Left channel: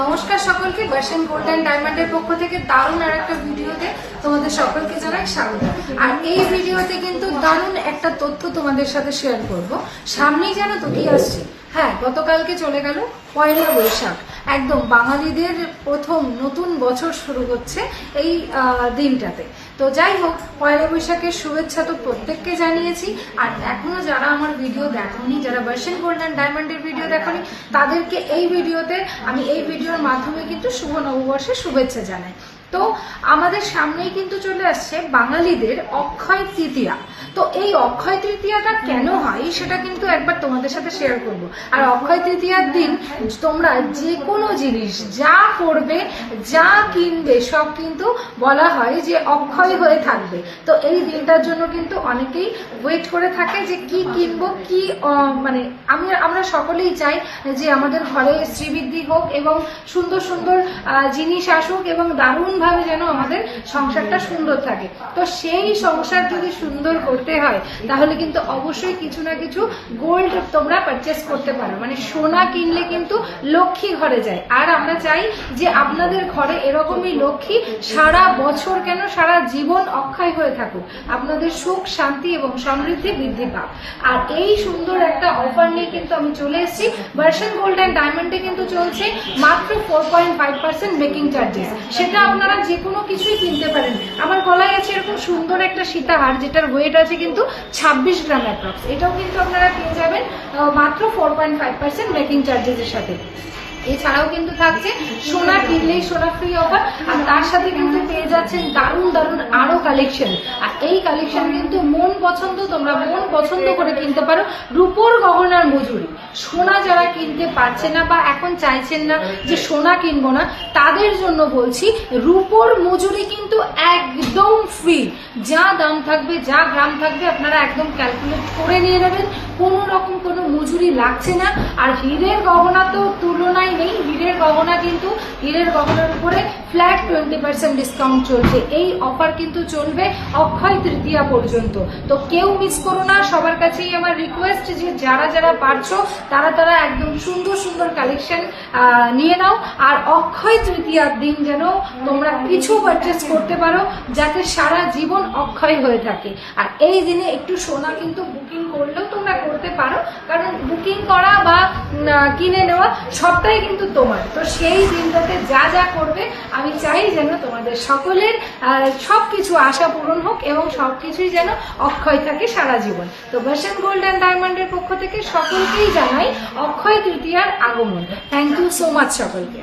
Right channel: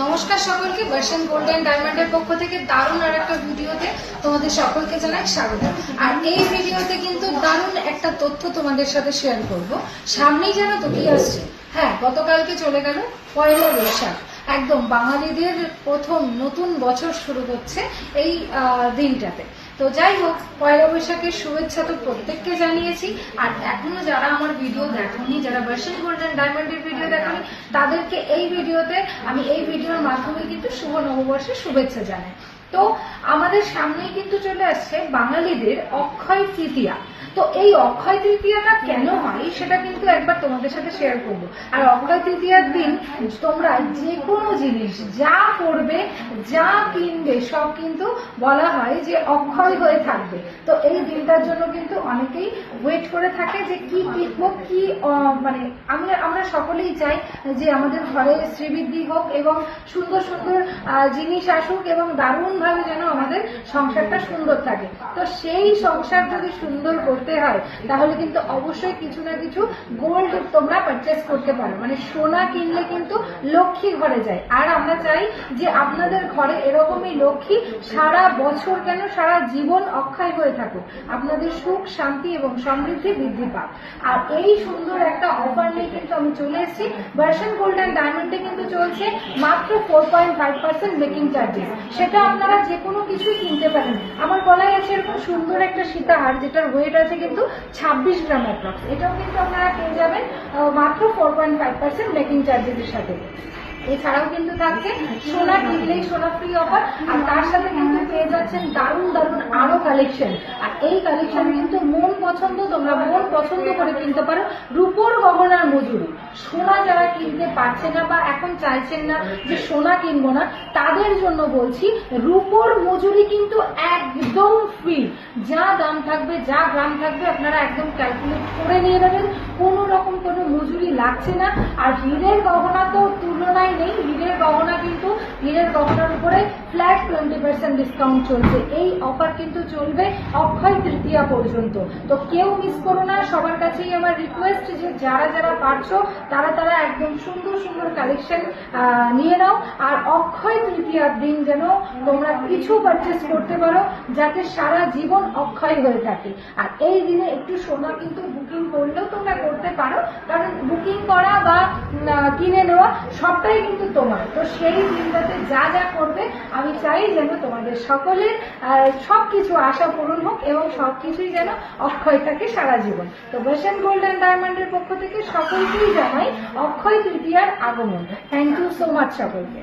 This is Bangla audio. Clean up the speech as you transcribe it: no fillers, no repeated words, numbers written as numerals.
নমস্কার সকলকে, বর্ষণ গোল্ড অ্যান্ড ডায়মন্ডের পক্ষ থেকে দারুণ আর একটা ভিডিওতে তোমাদের সকলকে জানাই স্বাগত। আর এই ভিডিওতে কিন্তু দারুণ একটা তথ্য তোমাদের সাথে শেয়ার করব। সামনেই জানো তো কি আসছে? হ্যাঁ, গতকালকে চলে গেল পয়লা বৈশাখ। একদম বাঙালিদের প্রথম নতুন বছর শুরু হচ্ছে এই দিনটাতে। তো যাই হোক, পয়লা বৈশাখের শুভেচ্ছা তো প্রত্যেককে জানিয়েছি। আর এখনো যারা আমার ভিডিও দেখোনি, যারা বর্ষণ গোল্ড অ্যান্ড ডায়মন্ডের ভিডিও দেখোনি, তাদেরকে এই ভিডিওতে আমি এই ভিডিওর মাধ্যমে কিন্তু শুভ নববর্ষের শুভেচ্ছা জানাই। তো আমাদের সামনেই কিন্তু চলে আসছে বাঙালিদের অক্ষয় তৃতীয়া। তো এই অক্ষয় তৃতীয়াটা কেন হয় সেটা কিন্তু একবার তোমাদের সাথে শেয়ার করব। আর অক্ষয় তৃতীয়ার দিন তোমরা যে কোনো জিনিস যা করবে, যা কিনবে, সব কিন্তু বলা হয় যে অক্ষয় হয়ে থাকবে। তো এই দিনটার জন্য কিন্তু অনেকেই ওয়েট করে থাকে যে কি কিনবো, কি মানে আমরা সকলেই চাই যে আমাদের ঘরে শ্রীবৃদ্ধি হোক এবং সুন্দর সুন্দর জিনিস আসুক এবং দারুণভাবে যেন আমাদের সংসারটা সুন্দর থাকে। তো সেই সংসার যদি সুন্দর করতে হয় তাহলে কিন্তু অবশ্যই কিছু না কিছু গোল্ড তোমরা পারচেস করতে পারো। মানে সোনা কিনলে কিন্তু লক্ষ্মী ঘরে যায়। আর আমরা চাই যে আপনাদের ঘরে এরকমই লক্ষ্মী সারা বছর কেন সারা জীবন অক্ষয় হয়ে থাকুক, আপনাদের সুখ শান্তি এবং সমৃদ্ধি বৃদ্ধি পাক। আর এই সুন্দর একটা অফার নিয়ে কিন্তু আমি চলে এসেছি। বর্ষণ গোল্ড অ্যান্ড ডায়মন্ডে কিন্তু চলছে মাত্র 4.5% মেকিং চার্জেস। সেটা আপনারা যে কোনো কিছুই কিনতে পারেন। আমার গলায় আছে এরকম সুন্দর একটা সীতাহার, যেটার ওয়েট আছে কিন্তু 26 গ্রাম অ্যাপ্রক্স। এটাও কিন্তু আপনারা পেয়ে যাবেন মাত্র 4.5% মেকিং চার্জেসের সাথে। এছাড়াও কিন্তু থাকছে সোনা কিনলেই সোনা ফ্রি অফার। আর তার সাথে কিন্তু পেয়ে যাচ্ছেন দারুণ দারুণ আরো কালেকশন। আর এই কালেকশন কিন্তু মন পছন্দ, তোমরা মন পছন্দ করে কিনতে পারো। রূপোর গহনার মজুরি, সোনা যারা কিনতে পারছে না বা এখন চাইছেন না যে সোনা কিনবো না, তাদের জন্য বলছি রূপোর মজুরি কিন্তু একদম ফ্রি। যা দাম থাকবে, যা গ্রাম থাকবে, আপনারা একদম ক্যালকুলেট করে নিয়ে নেবেন। কোনো রকম কোনো মজুরি লাগছে না। আর হীরের গহনা তো তুলনায় নেই। হীরের গহনা কিন্তু হীরের গহনার উপরে ফ্ল্যাট 20% ডিসকাউন্ট চলছে। এই অফার কিন্তু চলবে অক্ষয় তৃতীয়া পর্যন্ত। তো কেউ মিস করো না। সবার কাছেই আমার রিকোয়েস্ট যে যারা যারা পারছো তারা একদম সুন্দর সুন্দর কালেকশন নিয়ে নাও। আর অক্ষয় তৃতীয়ার দিন যেন তোমরা কিছু পারচেস করতে পারো যাতে সারা জীবন অক্ষয় হয়ে থাকে। আর এই দিনে একটু সোনা কিন্তু বুকিং করলেও তোমরা করতে পারো, কারণ বুকিং করা বা কিনে নেওয়া সবটাই কিন্তু তোমার। তো সেই দিনটাতে যা যা করবে আমি চাই যেন তোমাদের সকলের সবকিছু আশা পূরণ হোক এবং সবকিছুই যেন অক্ষয় থাকে সারা জীবন। তো বর্ষণ গোল্ড অ্যান্ড ডায়মন্ডের পক্ষ থেকে সকলকেই জানাই অক্ষয় তৃতীয়ার আগমন। থ্যাংক ইউ সো মাচ সকলকে।